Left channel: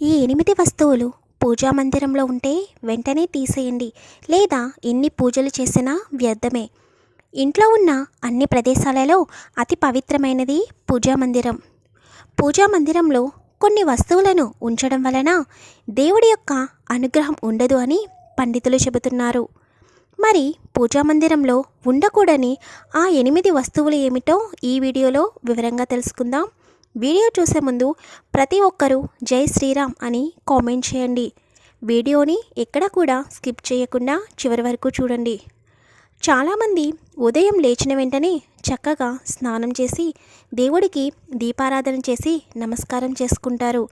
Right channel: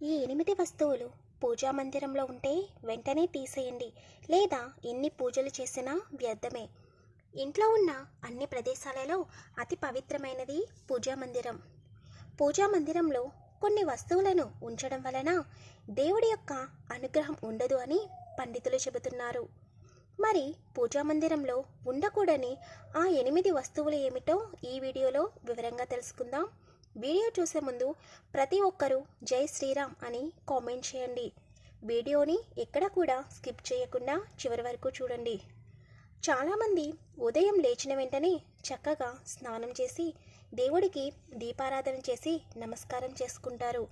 ఈ ఎనిమిది వస్తువులు పూజా మందిరంలో ఉంటే వెంటనే తీసేయండి లేదా ఎన్ని పూజలు చేసినా వ్యర్థమే. ఇంట్లో ఉన్న అన్ని ప్రదేశాలలో అతి పవిత్రమైనది పూజా మందిరం. పూజా మందిరంలో కొన్ని వస్తువులను ఉంచడం వలన దేవుడి యొక్క అనుగ్రహం ఉండదు అని పండితులు చెబుతున్నారు. మరి పూజా మందిరంలో ఉండకూడని ఆ ఎనిమిది వస్తువులు ఏమిటో ఈ వీడియోలో వివరంగా తెలుసుకుందాం. వీడియో చూసే ముందు ప్రతి ఒక్కరూ జై శ్రీరామ్ అని కామెంట్ చేయండి. వీడియోని ఎక్కడ కూడా స్కిప్ చేయకుండా చివరి వరకు చూడండి. చాలామంది ఉదయం లేచిన వెంటనే చక్కగా స్నానం చేసి దేవుడికి దీపారాధన చేసి నమస్కారం చేసుకుంటారు.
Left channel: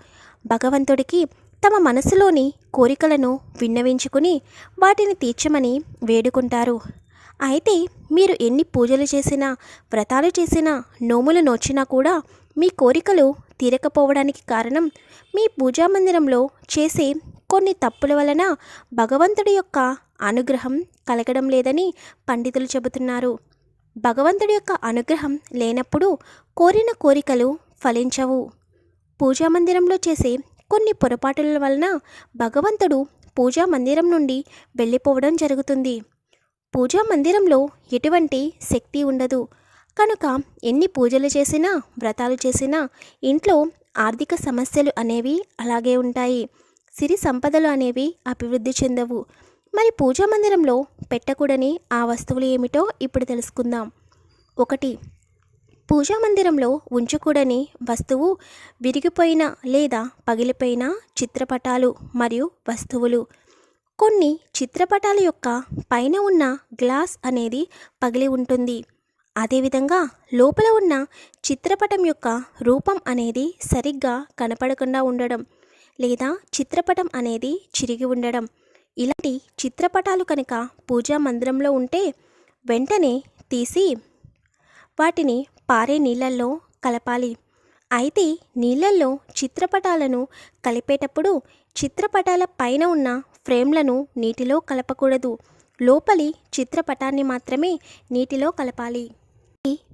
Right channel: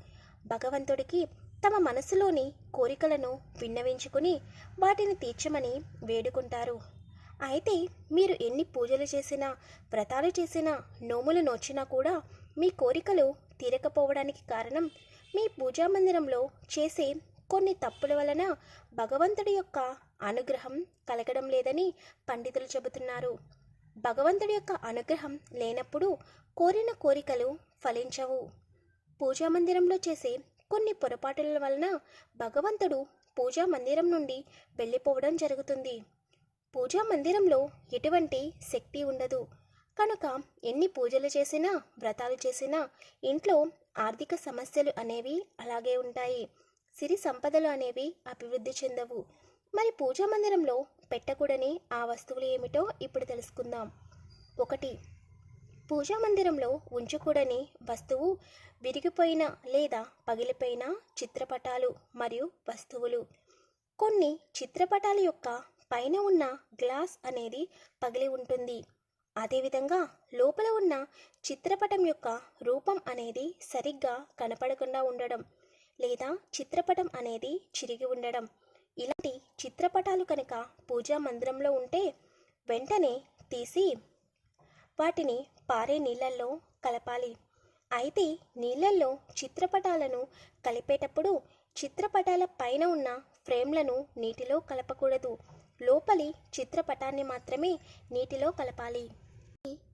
భగవంతుడికి తమ మనసులోని కోరికలను విన్నవించుకుని వాటిని తీర్చమని వేడుకుంటారు. అయితే మీరు ఎన్ని పూజలు చేసినా వ్రతాలు చేసినా నోములు నోచినా కూడా మీ కోరికలు తీరకపోవడానికి కారణం మీ పూజా మందిరంలో చేసే కొన్ని తప్పుల వలన భగవంతుడి యొక్క అనుగ్రహం కలగడం లేదని పండితులు చెబుతున్నారు. భగవంతుడి యొక్క అనుగ్రహం లేనప్పుడు కోరిన కోరికలు ఫలించవు. పూజా మందిరంలో చేసే కొన్ని పొరపాటుల వలన భగవంతుడు పూజా మందిరం నుండి వెళ్ళిపోవడం జరుగుతుంది. పూజా మందిరంలో ఎటువంటి శక్తి ఉండదు. కనుక ఎన్ని పూజలు చేసినా వ్రతాలు చేసినా ఇంట్లో ఆర్థిక సమస్యలు అనేవి అలాగే ఉంటాయి. సిరి సంపదలు అనేవి అభివృద్ధి చెందవు. మరి పూజా మందిరంలో పెట్టకూడని ఆ వస్తువులు ఏమిటో ఇప్పుడు తెలుసుకుందాం. ఒకటి పూజా మందిరంలో ఉంచకూడని వస్తువు విరిగిపోయిన లేదా పగిలిపోయిన చిత్రపటాలు మరియు వస్తువులు. కొన్ని చిత్రపటాల యొక్క పైన ఉన్న గ్లాస్ అనేది పగిలి ఉంటుంది. అదేవిధంగా లోపల ఉన్న చిత్రపటం యొక్క రూపం అనేది సరిగ్గా కనపడకుండా ఉండడం లేదా చిత్రపటం అనేది చిరిగి ఉండడం. ఇలాంటి చిత్రపటాలు కనుక పూజా మందిరంలో ఉంటే వెంటనే తీసి వాటిని పారే నీళ్ళల్లో కలపాలి. అయితే నీళ్ళల్లో చిత్రపటాలను కలిపేటప్పుడు చిత్రపటాల పైన ఉన్న ఫ్రేమ్లను నీటిలో కలపకూడదు. లోపలి చిత్రపటాన్ని మాత్రమే నీటిలో కలపాలి.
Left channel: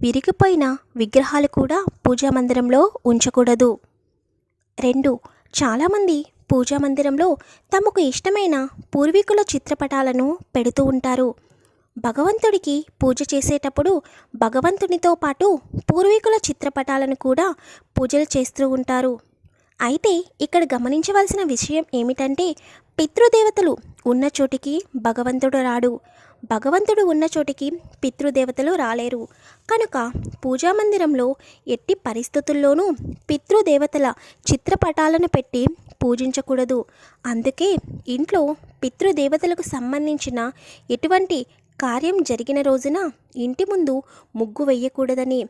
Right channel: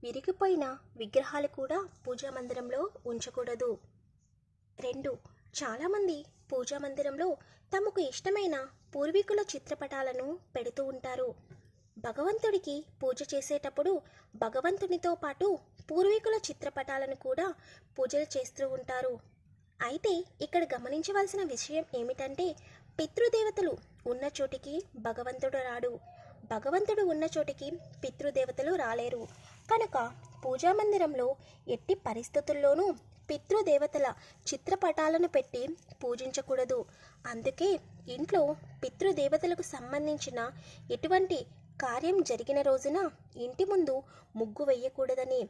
విరిగిపోయిన విగ్రహాలు కూడా పూజా మందిరంలో ఉంచకూడదు. రెండు చాలామంది పూజా మందిరంలో తమకు ఇష్టమైన పూర్వీకుల చిత్రపటాలను పెడుతూ ఉంటారు. భగవంతుడికి పూజ చేసేటప్పుడు భగవంతునితో పాటు పూర్వీకుల చిత్రపటాలను కూడా పూజలు చేస్తూ ఉంటారు. అయితే ఇక్కడ గమనించవలసిన విషయం ఏమిటంటే పితృదేవతలు ఉన్న చోటికి భగవంతుడు రాడు. భగవంతుడు ఉన్న చోటికి పితృదేవతలు రాలేరు. కనుక పూజా మందిరంలో ఎట్టి పరిస్థితుల్లోనూ పితృదేవతల చిత్రపటాలను పెట్టి పూజించకూడదు. అందుకే ఇంట్లో పితృదేవతలకు సంబంధించిన ఎటువంటి కార్యం జరిగిన రోజున ఇంటి ముందు ముగ్గు వెయ్యకూడదని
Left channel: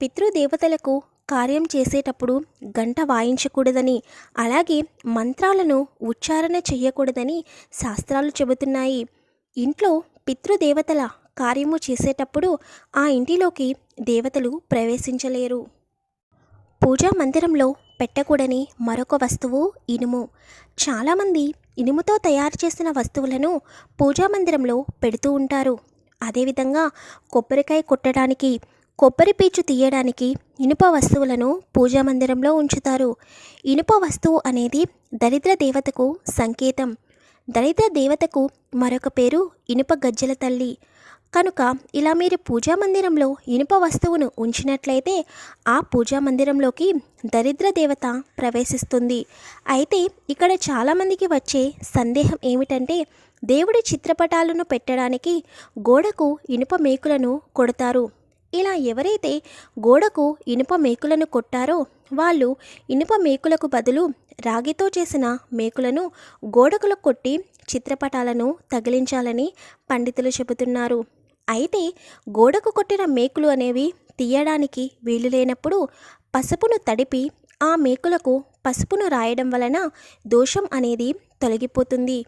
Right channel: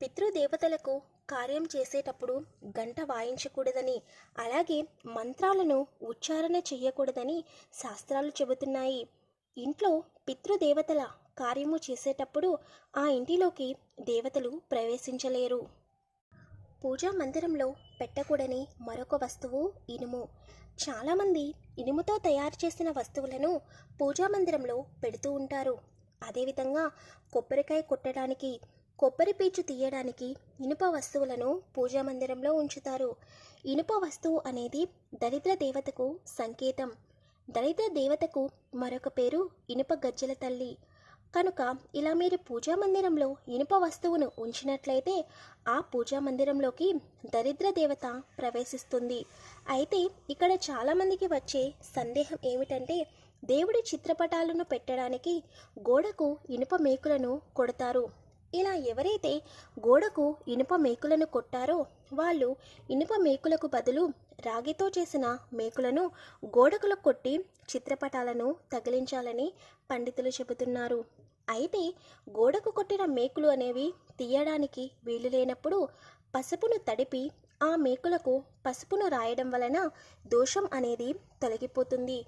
పితృదేవతలకు కార్యం చేసేటప్పుడు గంట వాయించకూడదని అలాగే మంత్రాలను ఉచ్చారణ చేయకూడదని శాస్త్రాలు చెబుతున్నాయి. ఇంట్లో పితృదేవతల కార్యము చేసేటప్పుడు ఆ ఇంటిలోకి దేవతలు ప్రవేశించలేరు. పూజా మందిరంలో పెట్టకూడని మరొక వస్తువు ఇనుము. చాలామంది ఇనుముతో తయారు చేసిన వస్తువులను పూజా మందిరంలో పెడుతూ ఉంటారు. అదేవిధంగా కొబ్బరికాయ కొట్టడానికి కొబ్బరి పీచు తీయడానికి ఇనుప వస్తువులను పూజా మందిరంలో ఉంచుతారు. ఇనుప వస్తువు అనేది దరిద్ర దేవతకు సంకేతం. దరిద్ర దేవతకు మరొక పేరు ఇనుప గజ్జల తల్లి. కనుక ఇలా మీరు పూజా మందిరంలో ఇనుప వస్తువును ఉంచినట్లయితే ఆ పూజా మందిరంలోకి దరిద్ర దేవత ప్రవేశిస్తుంది. అయితే ఇక్కడ చాలామందికి వచ్చే సందేహం ఏమిటంటే దేవుడి చిత్రపటాలను పెట్టడానికి గోడకు ఇనుప మేకులను కొడతారు. ఇలా ఎవరైతే గోడకు ఇనుప మేకులను కొట్టారో వాళ్ళు ఇనుప మేకులకు బదులు రాగితో చేసిన మేకులను గోడకులు కొట్టి చిత్రపటాలను తగిలించాలని పండితులు చెబుతున్నారు. అయితే గోడకు కొట్టిన మేకులు అనేవి తీయడానికి వీలు లేనప్పుడు పసుపును తడిపి ఆ మేకులకు పసుపును రాయడం వలన దోషం అనేది తొలగిపోతుంది.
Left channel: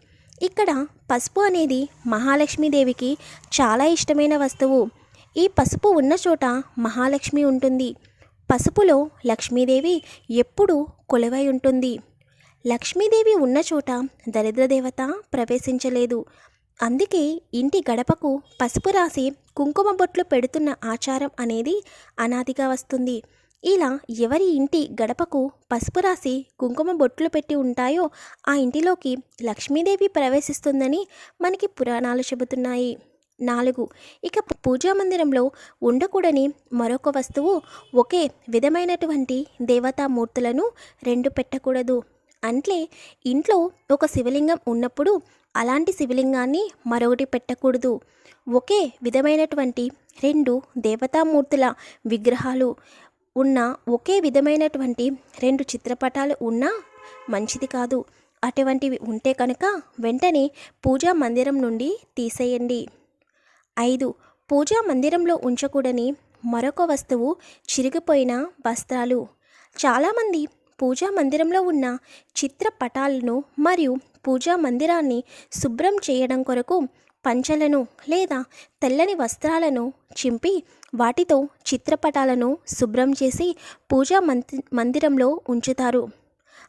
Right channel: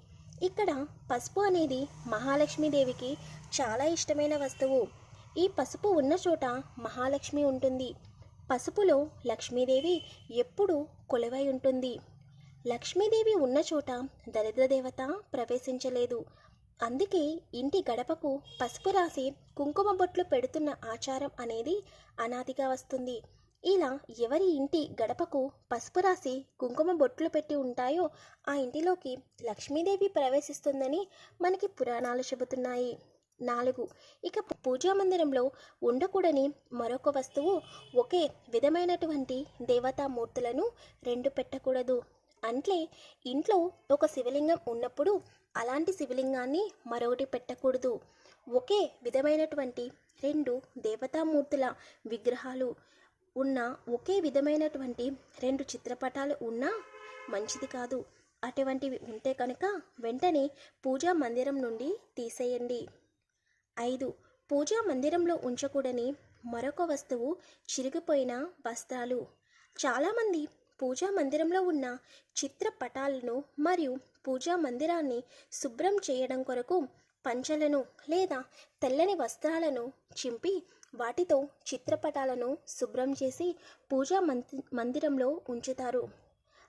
ఇక్కడ పసుపు అనేది మహాలక్ష్మీదేవికి చాలా ఇష్టమైన వస్తువు. ఈ పసుపు ఉన్న చోట మహాలక్ష్మి ఉంటుంది. పసుపులో లక్ష్మీదేవి ఎప్పుడూ కొలువై ఉంటుంది. లక్ష్మీదేవి ఉన్న చోట దరిద్రదేవత ప్రవేశించలేదు. అందుకే ఇంటి గడపకు పసుపు రాసి కుంకుమ బొట్లు పెడుతున్న ఆచారం అనేది అనాదిగా వస్తుంది. ఇలా ఎవరి ఇంటి గడపకు పసుపు రాసి కుంకుమ బొట్లు పెట్టి ఉంటాయో ఆ ఇంటిలోకి లక్ష్మీదేవి ప్రవేశిస్తుందని మనకి పురాణాలు చెబుతున్నాయి. నాలుగు. ఇక పూజా మందిరంలో ఉండకూడని మరొక వస్తువు ఒకే విధమైనటువంటి దేవతామూర్తులను రెండు పెట్టకూడదు. అంటే ఇంట్లో ఒక శివలింగం ఉన్నప్పుడు అలాంటి శివలింగాన్ని మరొకటి పెట్టకూడదు. ఒకే విధమైనటువంటి రెండు దేవతామూర్తుల విగ్రహాలు ఉన్న ఒకే విధమైనటువంటి రెండు చిత్రపటాలు ఉన్నా మంచిది కాదు. అటువంటివి ఉంటే కనుక వెంటనే పూజా మందిరం నుండి తీసేయండి. ఐదు. పూజా మందిరంలో ఉంచకూడని మరొక వస్తువు చిరిగిపోయిన వస్త్రాలు. చాలామంది పూజా మందిరంలో ఉన్న చిత్రపటాలను మరియు పూజా మందిరాన్ని శుభ్రం చేయడం కొరకు పంచలను లేదా తెల్లని వస్త్రాలను చింపి వాటితో చిత్రపటాలను శుభ్రం చేసి పూజా మంది మందిరంలో ఉంచుతారు.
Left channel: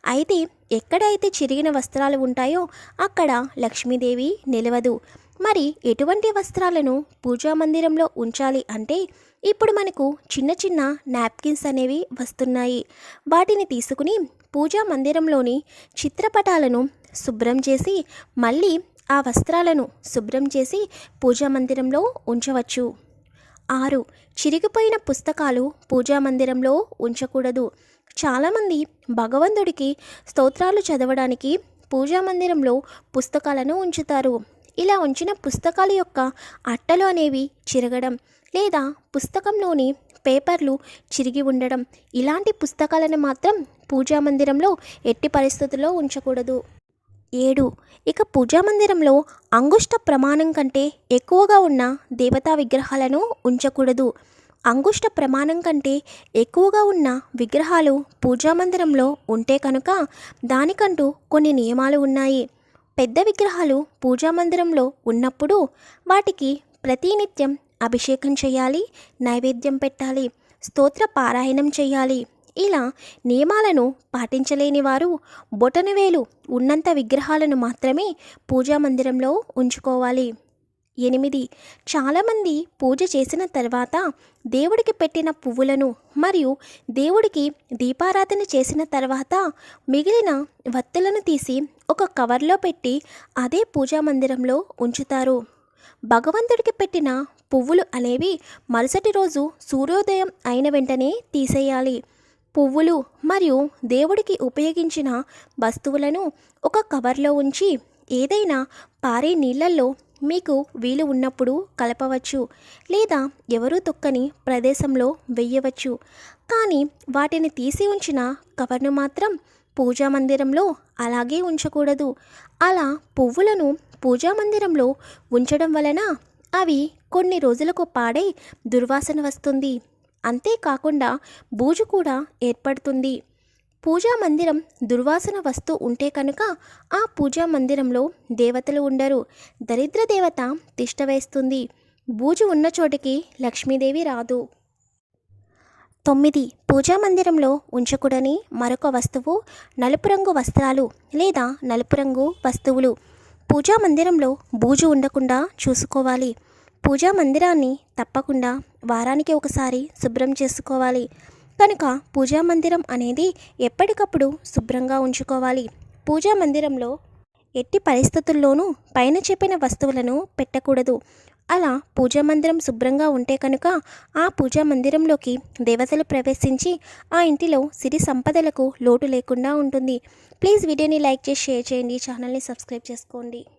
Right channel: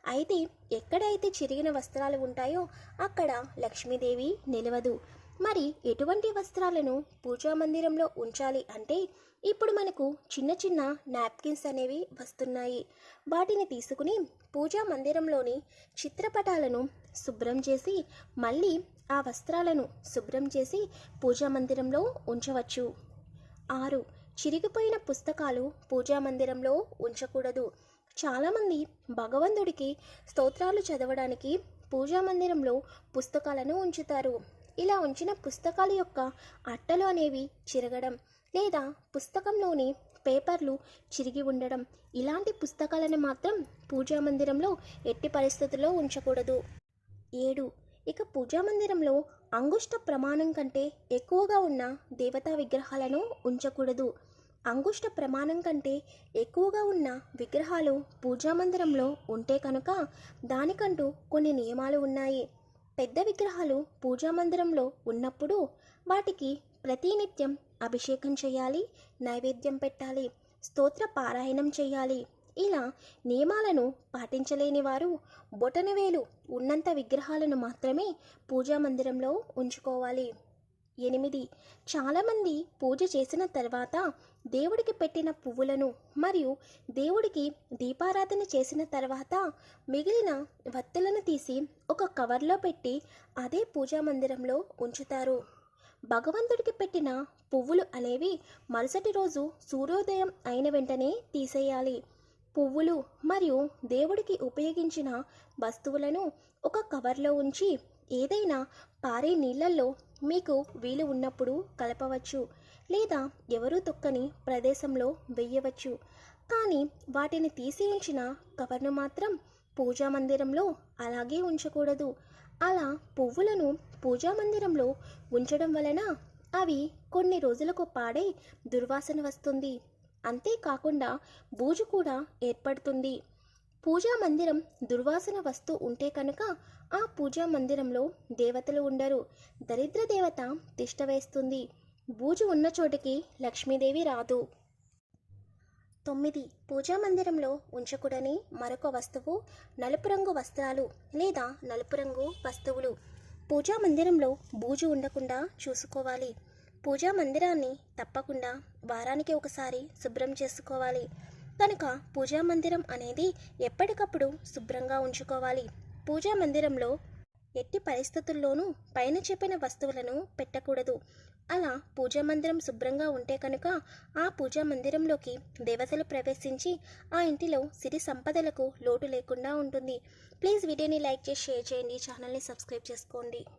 అయితే ఎక్కడైతే చిరిగిన వస్త్రాలు ఉంటాయో అక్కడ లక్ష్మీదేవి నిలవదు. మరి ఎటువంటి వస్త్రాలను పూజా మందిరంలో ఉంచాలి అంటే ఇప్పుడు మనకు చిన్న చిన్న నాప్కిన్స్ అనేవి వస్తున్నాయి. వాటిని తీసుకుని పూజా మందిరంలోని చిత్రపటాలను శుభ్రం చేసి మళ్ళీ ఆ వస్త్రాలను శుభ్రం చేసి పూజా మందిరంలో ఉంచవచ్చు. ఆరు. చిరిగిపోయిన పుస్తకాలు పూజా మందిరంలో ఉంచకూడదు. చాలామంది భగవంతుడికి స్తోత్రాలు చదవడానికి పూజా మందిరంలో పుస్తకాలను ఉంచుతారు. ఇలా ఉంచిన పుస్తకాల యొక్క అట్టలు అనేవి చిరగడం లేదా పుస్తకంలోని పేపర్లు చిరిగి ఉండడం ఇలాంటి పుస్తకాలను మాత్రం పూజా మందిరంలో ఎట్టి పరిస్థితుల్లో ఉంచకూడదు. ఏడు. ఇక పూజా మందిరంలో అంగుష్ట ప్రమాణం కంటే ఎక్కువగా ఉన్న దేవతా విగ్రహాలను ఉంచకూడదు. అంగుష్ట ప్రమాణం కంటే ఎక్కువగా ఉన్న విగ్రహాలు పూజా మందిరంలో ఉంటే కనుక దానికంటూ కొన్ని నియమాలు ఉన్నాయి. పెద్ద విగ్రహాలు పూజా మందిరంలో ఉన్నప్పుడు వాటికి ప్రతినిత్యం అభిషేకం చేయాలి నైవేద్యం పెట్టాలి స్తోత్ర పారాయణం చేయాలి. ఇలా నియమాలను పాటించలేని వారు బొటనవేలు ఉన్నంత విగ్రహాలను మాత్రమే పూజా మందిరంలో ఉంచుకోవాలి. ఎనిమిది. చాలామంది పూజ చేసిన తర్వాత దేవుడికి పెట్టిన పువ్వులను మరియు దేవుడికి దీపారాధన చేసిన తర్వాత మిగిలిన వత్తులను తీసి ఒక కవర్లో పెట్టి అదే పూజా మందిరంలో ఉంచుతారు. భగవంతుడికి పెట్టిన పువ్వులు అనేవి మరుసటి రోజు సూర్యోదయం అయిన వెంటనే తీసేయాలి. పువ్వులు మరియు దేవుడికి ఉపయోగించిన వస్తువులను ఒక కవర్లో ఉంచి ఏదైనా పారే నీళ్ళల్లో మీకు వీలు ఉన్నప్పుడు కలపవచ్చు లేదా ఎవరూ తొక్కని ప్రదేశంలో వెయ్యవచ్చు కానీ వాటిని తీసి ఉంచిన కవర్ను మాత్రం పూజా మందిరంలో అలాగే ఉంచకూడదు. అలా పువ్వులను పూజా మందిరంలో ఉంచడం వలన అవి కొన్ని రోజులకు పాడై దుర్వాసన వస్తుంది. అంతేకాకుండా బూజు కూడా ఏర్పడుతుంది. పూజా మందిరం దుర్వాసన వస్తూ ఉంటే కనుక ఆ పూజా మందిరంలో దేవతలు ఉండరు. దరిద్ర దేవత తిష్ట వేస్తుంది. బూజు ఉన్న చోటికి లక్ష్మీదేవి రాదు. తొమ్మిది. పూజా మందిరంలో ఉంచకూడని మరొక వస్తువు నలుపు రంగు వస్త్రాలు లేదా నలుపు రంగు వస్తువులు. పూజా మందిరంలో బూజు ఉండకుండా చూసుకోవాలి. పూజా మందిరాన్ని తప్పకుండా వారానికి ఒకసారి శుభ్రం చేసుకోవాలి. కనుక పూజా మందిరం అనేది ఎప్పటికప్పుడు శుభ్రంగా ఉంచుకోవాలి. పూజా మందిరంలో ఎట్టి పరిస్థితుల్లోనూ పైన చెప్పిన వస్తువులను పెట్టకూడదు. అలా పూజా మందిరం శుభ్రంగా ఉంటే కనుక ఆ పూజా మందిరంలోకి దేవతలు ప్రవేశించి ఆ ఇంటిలో సిరి సంపదలకు లోటు లేకుండా ఉంటుంది. ప్లీజ్ వీడియోని లైక్ చేసి షేర్ చేయండి. ఛానల్ని సబ్స్క్రైబ్ చేసుకోండి.